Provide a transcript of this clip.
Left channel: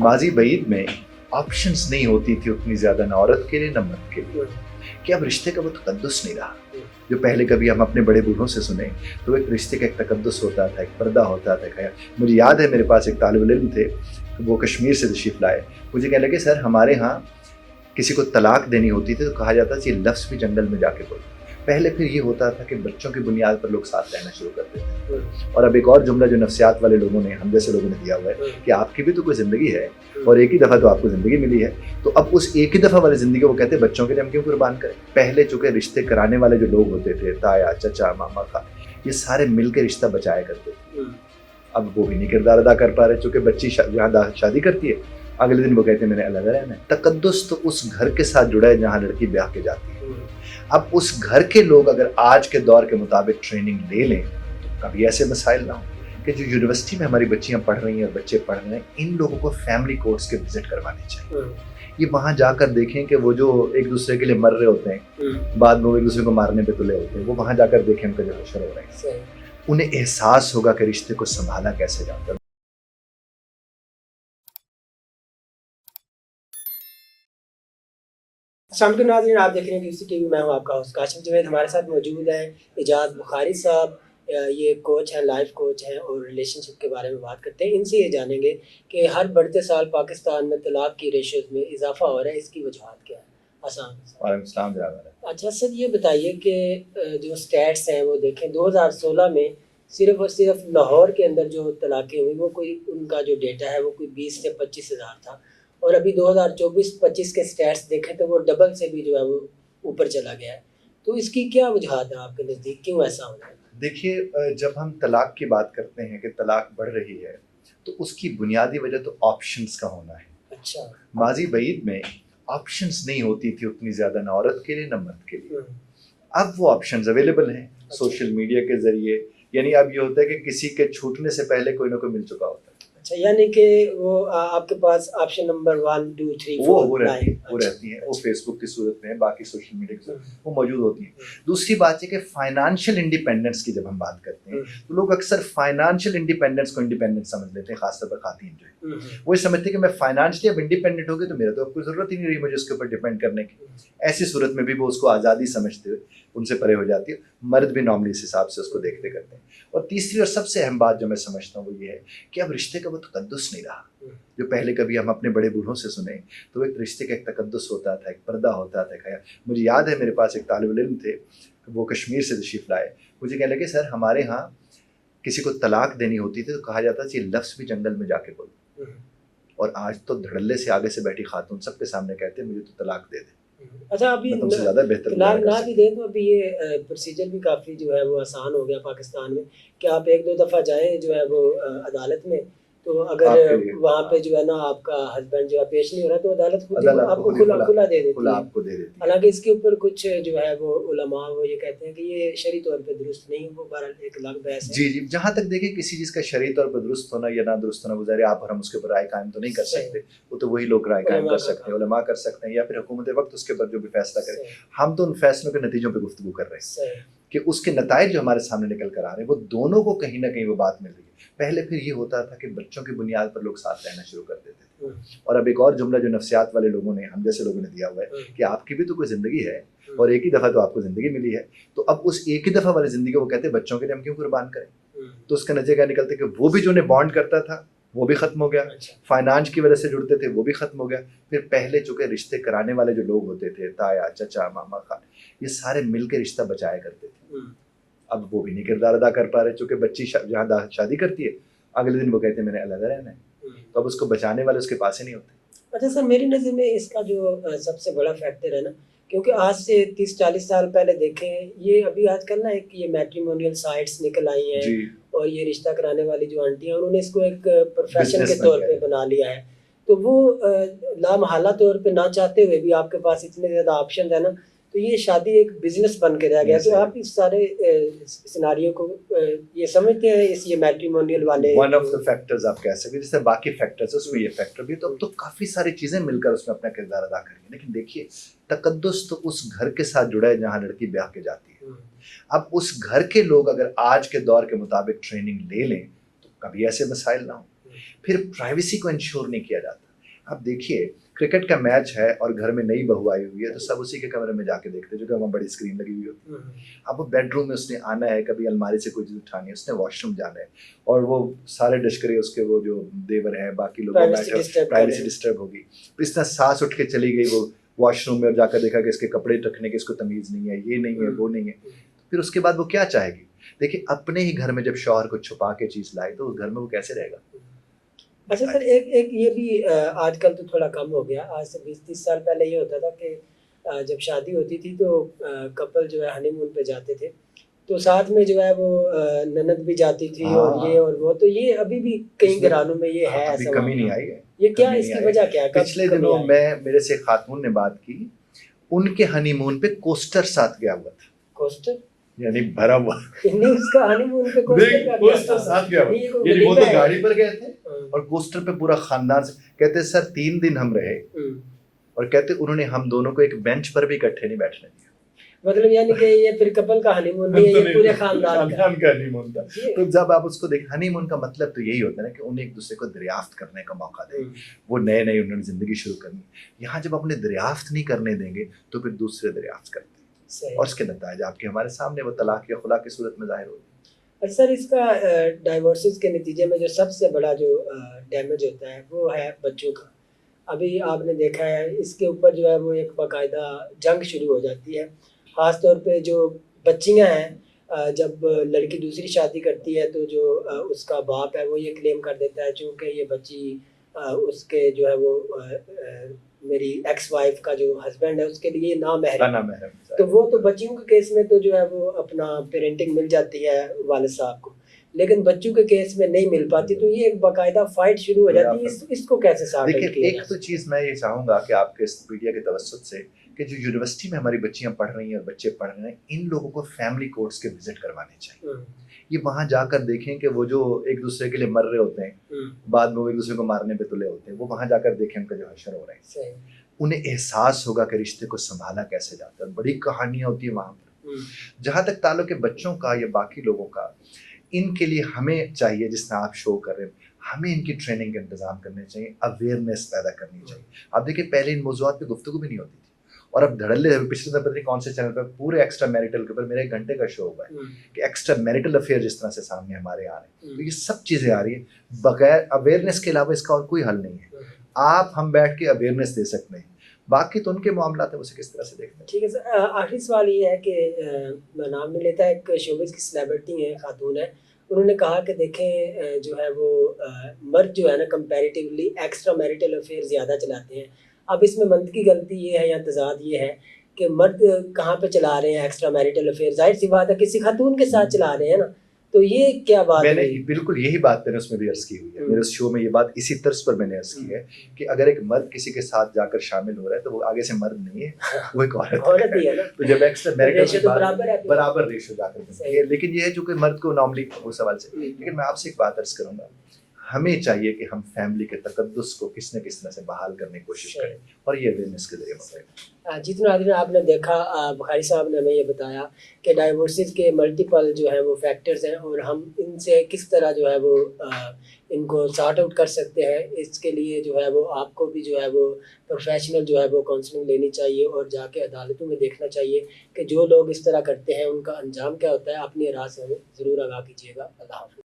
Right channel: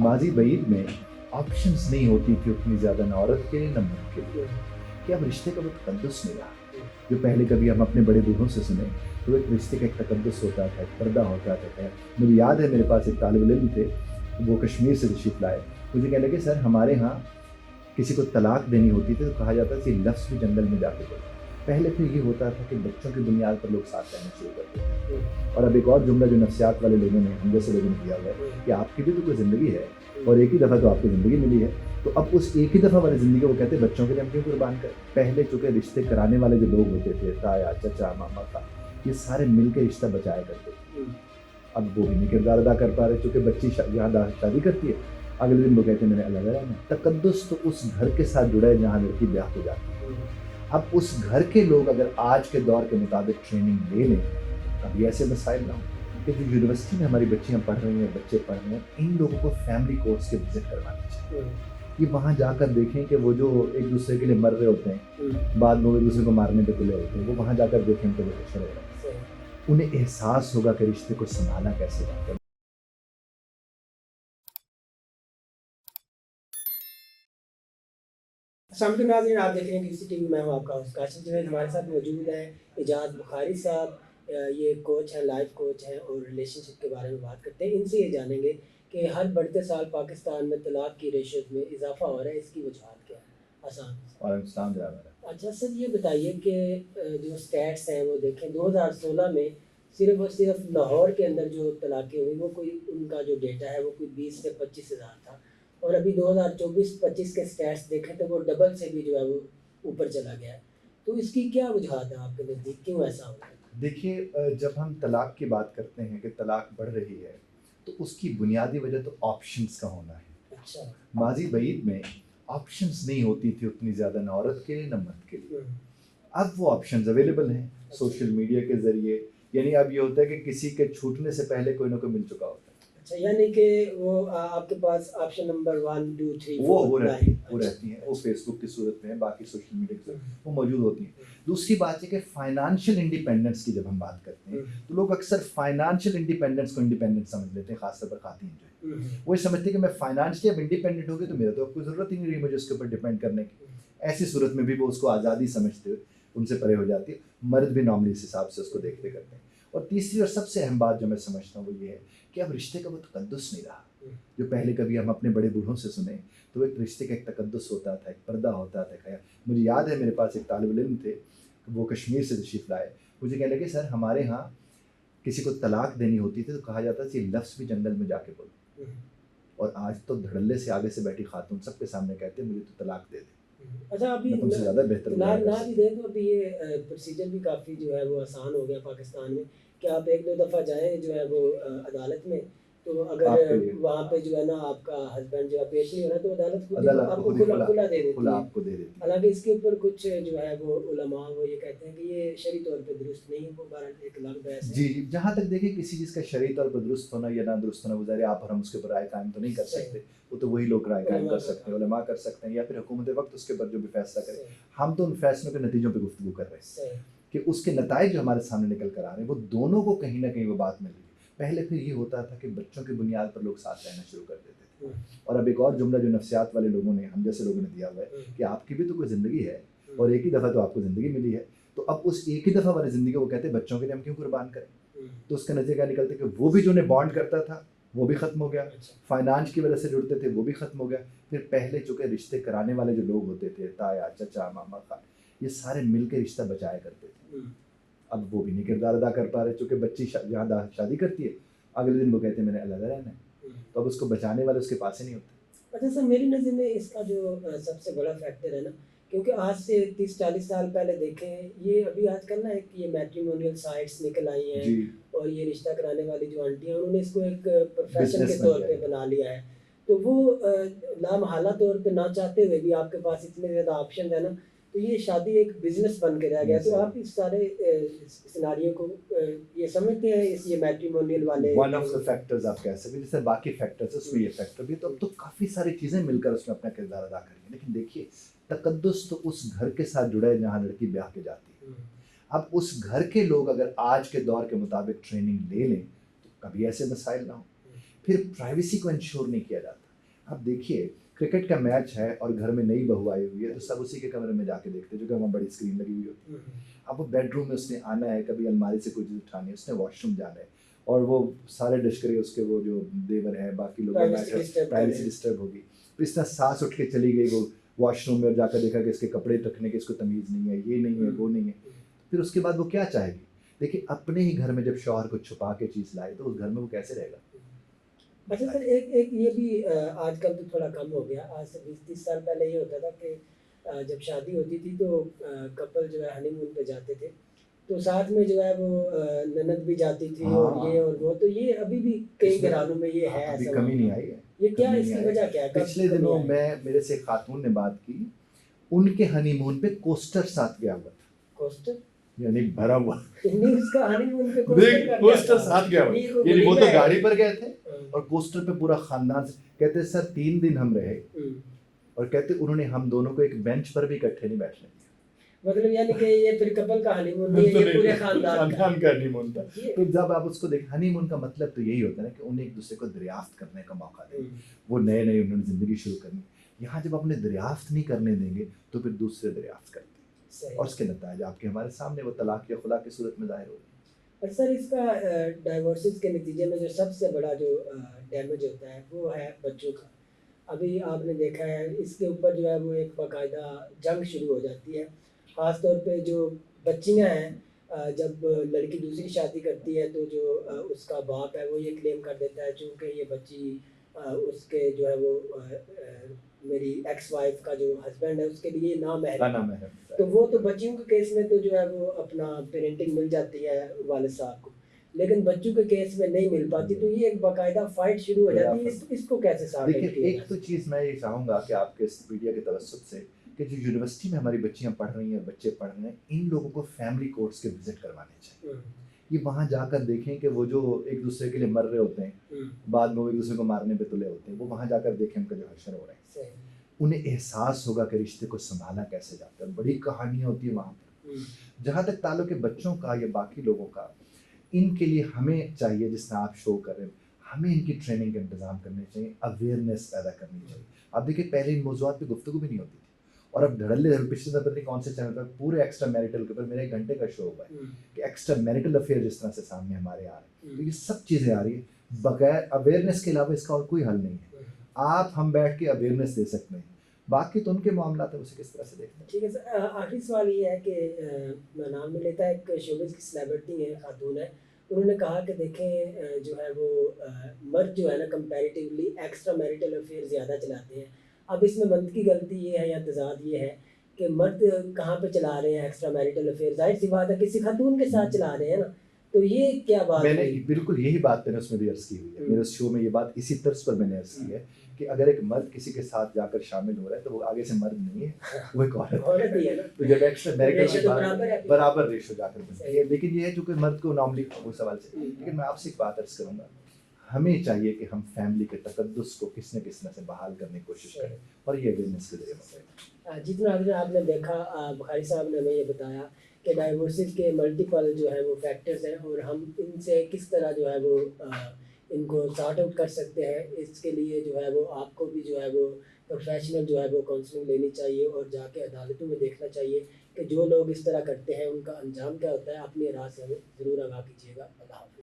माजी بعीद में ऑप्शंस नहीं होती थी उतनी ज़्यादा, ना औरत के लिए ना मर्द के लिए, कि अब रिश्ते का वो तकद्दुस नहीं रहा जो पहले कभी हम अपने बड़े बूढ़ों से सुने। तो एक रिश्ते का एक तकद्दुस होता था, एक पर्दा होता था। खैर मुझे याद है, मेरे पास एक तालिब इल्म थे, वो कश्मीर से तशरीफ़ लाए। मुझे कहने लगे, सर हमारे यहाँ किसी को तलाक देनी होती थी तो कहा जाता था ये लफ्ज़ भी जंगल में जाके बोलो। पहले फिर ये होता था कि बच्चों की बुनियाद पर लोग साथ रहना शुरू कर देते थे। और अब एक और जुमला जो नफ्सियात वाले लोगों ने, हम जैसे लोगों ने दिया हुआ है कि आपकी भी तो कोई ज़िंदगी है और एक ही दफ़ा तो आपको ज़िंदगी मिली है, तो अब उस एक ही दफ़ा वाली ज़िंदगी वो कहते हैं बच्चों के लिए हम क्यों कुर्बान करें। पहले चूँकि रिश्ते कराने वाले जो लोग होते थे, ताया, चचा, मामा, खाला, ये सारे मिल के रिश्ता बचाया करते थे। अब वो भी नहीं किरदार अदा कर पा रहे, चूँकि बच्ची जहाँ शादी करती है, अगले दिन वो कहते हैं मैंने अलग रहना है। तकद्दुस तो उस घर के साथ जुड़ा है जहाँ लड़की ब्याह के जाती है। अब उस घर के लोग अगर आज के दौर के मुताबिक ट्रेनिंग ले लें तो कभी ऐसे मसाइल ना हो कि जो यूनिवर्सिटी में हमारी बच्चियां पढ़ रही हैं और बच्चे पढ़ रहे हैं, इन लोगों को फैमिली कोर्स के विजिट करवानी चाहिए। ये वहाँ जाकर देखें कि वो जो एक दूसरे के लिए मर रहे होते हैं, बाद में वो एक दूसरे को मारने पे तुले होते हैं, वो वहाँ जाकर देखें उनका जो हशर हो रहा है, उन्हें एहसास होगा कि रिश्ते को संभाला कैसे जाता है। शाम के नाज़रीन, आप देख रहे हैं QC टीवी। मैं हूं आपका होस्ट काशिफ जवेद। हमारे साथ मौजूद हैं इजाज़ बुखारी साहब। ये कोच हैं, लाइफ कोच हैं और रिलेशनशिप के बारे में बात करते हैं। इनसे ये जानेंगे कि हर बढ़ते साल पाकिस्तान में तलाक की रेशोज़ में इजाफा हो रहा है, इसकी वजूहात क्या है? आसान वालेकुम सलाम जनाब। अच्छा सर, ये बताइए कि जो स्टैट्स हैं वो देखें 2016 में सिर्फ और सिर्फ लाहौर के अंदर जो तलाक़ें हुई वो कोई, उनका जो डेटा है वो कोई 20 से 25 हज़ार था, और अभी 2024-25 के स्टैट्स देखें तो वो डबल से भी जो है वो ऊपर चला गया है। तो इसकी क्या वजूहात है आपके नज़दीक, क्यों ऐसा हो रहा है? देखिए, जब हम तलाक की बात करते हैं कि तलाक बढ़ रही है, तो उसकी बुनियादी वजह तो ऑप्शंस का होना है। अच्छा। माजी بعید में ऑप्शंस नहीं होती थी उतनी ज़्यादा, ना औरत के लिए ना मर्द के लिए। अब वो ऑप्शंस अवेलेबल हैं सोशल मीडिया के ज़रिए। यानी अब ये होता है कि किसी के छूटने से पहले कोई ना कोई मिल चुका होता है। अच्छा, यानी कि वो आपके पास ऑप्शन नंबर 1 2 3 4 वो रहती है, वो अच्छा, रहती हैं, वो अच्छा। फेसबुक की सूरत में है, बाकी सोशल मीडिया की सूरत में वो मौजूद होती हैं। दूसरी बात ये कि फाइनेंशियल इंडिपेंडेंस की जब हम बात करते हैं तो लोग अक्सर फाइनेंशियल इंडिपेंडेंस को इंडिपेंडेंस समझ लेते हैं, खासतौर पर खातन जो है वो समझते हैं कि मैं फाइनेंशियली अब इंडिपेंडेंट हो गई तो मेरा तो अब कोई ज़रूरत ही नहीं रही मुझे उसके ऊपर डिपेंड करने की। ऐसी सूरत में भी वो उसको आज़ादी समझते हुए उनसे परे हो जाती है। मर्द भी नॉर्मली इस हिसाब से उसको देखते करते हैं। और तीसरी और सबसे अहम बात जो मैं समझता हूँ वो ये है कि अब रिश्ते का वो तकद्दुस नहीं रहा जो पहले कभी हम अपने बड़े बूढ़ों से सुने। तो एक रिश्ते का एक तकद्दुस होता था, एक पर्दा होता था। खैर मुझे याद है, मेरे पास एक तालिब इल्म थे, वो कश्मीर से तशरीफ़ लाए। मुझे कहने लगे, सर हमारे यहाँ किसी को तलाक देनी होती थी तो कहा जाता था ये लफ्ज़ भी जंगल में जाके बोलो। और आज तो धड़ल्ले से आगे से बैठी खातून सबके सामने कहते हैं मुझे तो तलाक दे दे। अच्छा, अभी मैं तुमसे ज़्यादा बेहतर तलाक गुज़ारा कर ना भी सकता दें तो अभी ये प्रोसीजर भी काफ़ी जो है वो आसान हो गया पाकिस्तान में कि आप 1-2 दफ़ा जाएँ जो है वो अदालत में, तो हूँ। अगर आपके लिए वहाँ पे जो है ना आपका हस्बैंड जो है पेश नहीं हो रहा तो अदालत खुद ही अदालत आपको खुद ही खुला दे देती खुला है। आपको दे देती है। हालाँकि इसके ऊपर कुछ जो है वो उलमा वो ये कहते हैं कि ये शरई तौर पे दुरुस्त नहीं, वो बहरहाल एक अलग बहस है। जी, जी। जहाँ तक देखिए किसी चीज़ का शरई तौर पर दुरुस्त होना या ना दुरुस्त होना, वो ज़ाहिर है आप और हम उसके ऊपर राय कायम तो नहीं कर सही। सकते। वो तो वही लोग राय कायम उलमा कर का सकते हैं, काम। उलमा कर सकते हैं या फिर हुकूमत वक़्त उसके ऊपर जो भी फ़ैसला करे। सही, हम तो उन फ़ैसलों के नतीजों पे गुफ्तगू कर रहे हैं सही। कि उसके नताइज जो हमारे सामने निकल कर आ रहे हैं, वो दोनों को कहीं न कहीं वो बात मिल रही है। पहले फिर ये होता था कि बच्चों की बुनियाद पर लोग साथ रहना शुरू कर देते थे। और अब एक और जुमला जो नफ्सियात वाले लोगों ने, हम जैसे लोगों ने दिया हुआ है कि आपकी भी तो कोई ज़िंदगी है और एक ही दफ़ा तो आपको ज़िंदगी मिली है, तो अब उस एक ही दफ़ा वाली ज़िंदगी को वो कहते हैं बच्चों के लिए हम क्यों कुर्बान करें। तो उसका नतीजा क्या निकलता है कि वो भी जो उन्हें बॉन्ड करता था वो भी ख़त्म हो गया। अच्छा। फाइनेंस की वजह से जुड़ते थे वो भी ख़त्म हो गया। फिर पहले चूँकि रिश्ते कराने वाले जो लोग होते थे, ताया, चचा, मामा, खाला, ये सारे मिल के रिश्ता बचाया करते थे। अब वो भी नहीं किरदार अदा कर पा रहे, चूँकि बच्ची जहाँ शादी करती है, अगले दिन वो कहते हैं मैंने अलग रहना है। तो अब उसको बचाने वाले उसके पास ही नहीं होते। अच्छा सर, मेरी नज़र में इसका जो सबसे बड़ा फैक्टर है ना, क्योंकि आज से 30-40 साल पहले देखें, ये अभी आजकल ना एक ये मैट्रिमोनियल साइट्स निकल आई हैं जी, और ये रिश्ता कराने वाली जो आंटी हैं उन्होंने इसको एक प्रोफेशन के बिज़नेस बन तौर गया पे है। बना लिया है। तो वो लामहल्ला तौर पे ना चाहते हुए भी आपके पास इतने ज़्यादा ऑप्शन है ना, तो ये शादी एक बिज़नेस बन के रह गया। तो आप इस सारे सिनेरियो को ये समझते हैं इस ये मैट्रिमोनियल वाले वन ऑफ द फैक्टर्स आप कह सकते हैं, जैसे बाकी फैक्टर्स उसमें ये फैक्टर भी तो काफ़ी सारी चीज़ें मिलकर उसमें अपना किरदार अदा करेंगी। लेकिन देखिए, तकद्दुस तो उस घर के साथ जुड़ा है जहाँ लड़की ब्याह के जाती है। अब उस घर के लोग अगर आज के दौर के मुताबिक ट्रेनिंग ले लें तो कभी ऐसे मसाइल ना हो। फिर प्राइवेसी को इंश्योर नहीं किया जाता। आप देखिए क्रिकेट का मैच है और घर में नई बहू आई हुई है तो सब उसी के कमरे में जाके देखते हैं, जो कि वहाँ बड़ी स्क्रीन लगी हुई होती है। अब वो बेडरूम में उसने आना है, कभी अलमारी से कोई चीज़ उठानी है, उसने वॉशरूम जाना है, और वो सारे डिस्करे उसके वो जो देवर हैं बाकी लोग प्राइवेसी डिस्टर्ब होगी, तो इस तरह सांस उठ के चली गई वो वॉशरूम में और जाकर देखा कि इसके कपड़े रखने की इसको तमीज़ नहीं है, ये नहीं है, वो नहीं है। फिर उसके बाद वो क्या चाहेगी? देखिए अपने ही घर में जब शौहर को छुपा के चीज़ लाए तो उस घर में वो कैसे रहेगा? अच्छा सर, एक एक ये भी आजकल तो थोड़ा कम हो गया। आज से 20-30 साल पहले ये होता था कि जब शादी होती थी तो कपल जो है हनीमून पे जाते थे, तो साथ में जो है वो ननद भी जाती थी और ये और वो, तो ये अभी भी कई घरानों में ये है, अभी ऐसा कमी नहीं मामला। आई है। ये क्या कमी है, नहीं इसकी आई वजह है। क्या है? कब पिछले कमी दिनों आई? मेरे से एक खातून ने बात की, उनके हनीमून पे कोस्टर साथ गया हुआ था, कोस्टर? यानी भरा हुआ नहीं, उसका हनीमून पे कोस्टर का क्या कोस्टर था? साथ गया हुआ, नहीं, ये कोई यानी वो वलीमा तो है। गाड़ी पर गए थे हाँ। और कोस्टर पे पूरा खानदान से, कहते सर 3 दिन हम रहे, और कहते उन्होंने हम दोनों को एक बेंच पर भी इकट्ठे नहीं बैठने दिया। मतलब यानी कि ये फिर कपल का हनीमून नहीं है, ये पूरे खानदान का हनीमून था। ये- तो जब आप उसको देखें, हनीमून का मतलब तो यही होता है ना कि उन्हें एक दूसरे को दरियाफ्त करने का मौका दें, वो नए नए उन्होंने जिंदगी शुरू करनी। यहाँ जब अपने दरियाफ्त नहीं करने देंगे तो फिर दूसरे दरियाफ्त करते हैं, सही। और उसके नतीजे आपके हमारे सामने वो तलाक या खुला की सूरत में जाहिर हो रहे हैं। सर, इसका डाइवोर्सेस के नतीजे में जो सबसे बड़ा जो डैमेज होता है वो है बच्चों का। अभी आपने देखा है, इसके ऊपर जो है वो एक बाकायदा जंग शुरू हो जाती है। ख़ास तौर पे जो बच्चियां हैं, जब लड़की दूसरी शादी करती है तो जो उसका बाप है वो ये क्लेम कर देता है चूँकि ये बच्ची उसके जो है वो मेरी एक्स वाइफ का जो हस्बैंड है उसके लिए नामहरम है। तो वो तो बच्चियों के केस में तो जो है वो अपना पेरेंटिंग मिल जाती है वालिद साहब को, लेकिन बच्चों के केस में नहीं मिल पाती, तो ये एक बाकायदा फाइट शुरू हो जाती है। इसको कैसे सॉर्ट आउट देखिए, किया एक तो चीज़ मैं ये चाहूँगा कि आपके इस मीडिया के तवज्जुह से कि जो यूनिवर्सिटी में हमारी बच्चियाँ पढ़ रही हैं और बच्चे पढ़ रहे हैं, इन लोगों को फैमिली कोर्ट्स के विजिट करवाने चाहिए। ये वहाँ जाकर देखें कि वो जो एक दूसरे के लिए मर रहे होते हैं, बाद में वो एक दूसरे को मारने पे तुले होते हैं, वो वहाँ जाकर देखें उनका जो हश्र हो रहा है, उन्हें एहसास होगा कि रिश्ते को संभाला कैसे जाता है। बड़ी कहानियाँ होती है वहाँ पर। जहाँ तक ताल्लुक है बच्चों का या बाकी लोगों का, इनके लिए हमें चाहिए, जिस तरह आप शो कर रहे हैं, हमें इनकी ट्रेनिंग के इंतजाम करने चाहिए, अवेयरनेस पैदा करनी चाहिए। आप देखिए पहले इन मौज़ूआत पे गुफ्तगू भी नहीं होती थी, और अब धड़ल्ले पिछले दिन पता नहीं कौन से चैनल पर पूरे एक्स्ट्रा मैरिटल के ऊपर मेरा 1 घंटे का शो हुआ है कि एक्स्ट्रा मैरिटल अफेयर जिस तरह से सामने हमारे आ रहे हैं, तो ये सब चीज़ें आ रही है। बगैर अवेयरनेस के अलावा इसका और कोई हल नहीं है। आप हम बैठ के अवेयरनेस दे सकते हैं, बाकी तो उनके मामला है, उसे किस तरह से देखते हैं। ठीक है सर, आखिरी सवाल ये है कि मैं नाम नहीं लेता, एक शोबिज़ की सेलिब्रिटी है, खातून है, उन्होंने कहा कि देखें जो है वो मर्द जो है ना कंपैरेटिवली एक्स्ट्रा मैरिटल अफेयर ज़्यादा चलाते हैं। अब इसमें मंतकी गलती ये है या तज़ाद ये है कि मर्द कहाँ पे चला रहे हैं एक्स्ट्रा मैरिटल अफेयर, ज़ाहिर सी बात है किसी खातून के साथ चला रहे हैं ना, तो ये क्या बात मैंने हुई? बिल्कुल यही बात मैंने उसमें भी अर्ज़ की हुई है, मेरे उस शो में ये बात इसी तर्ज पर मैंने अर्ज़ की है कि अगर एक मर्द किसी के साथ जाकर शामिल हो रहा है तो वो आगे से मर्द नहीं है, वो एक औरत ही है ना। तो जब एक्स्ट्रा मैरिटल रेशो की तो बात बराबर है। बराबर रेशो जाकर बनती है। लेकिन ये है चूंकि मर्द को नॉर्मली वो सवाल से, लेकिन मैं आपसे एक बात अर्ज़ करूँगा, हमें चाहिए कि हम फैमिली के तकद्दुस को किस न किस तरह से बहाल करने की कोशिश करें, और ये अवेयरनेस के जरिए होगा। जितना आदमी आपने देखा, बुखारी साहब ने हमें ये बताया कि डाइवोर्सेस के मल्टीपल जो है वो फैक्टर्स हैं, और हम इनसे किस तरह जो है वो इनको सॉर्ट आउट कर सकते हैं। इसके लिए जो है वो आपको भी जो है वो प्रोफेशनल जो है वो काउंसलिंग लेनी चाहिए, और जाके अदालतों में देखना चाहिए कि जो लोग इस तरह करते हैं उनका अंजाम क्या होता है। अपनी राय से हमें ज़रूर आगाह कीजिएगा। अल्लाह हाफ़िज़।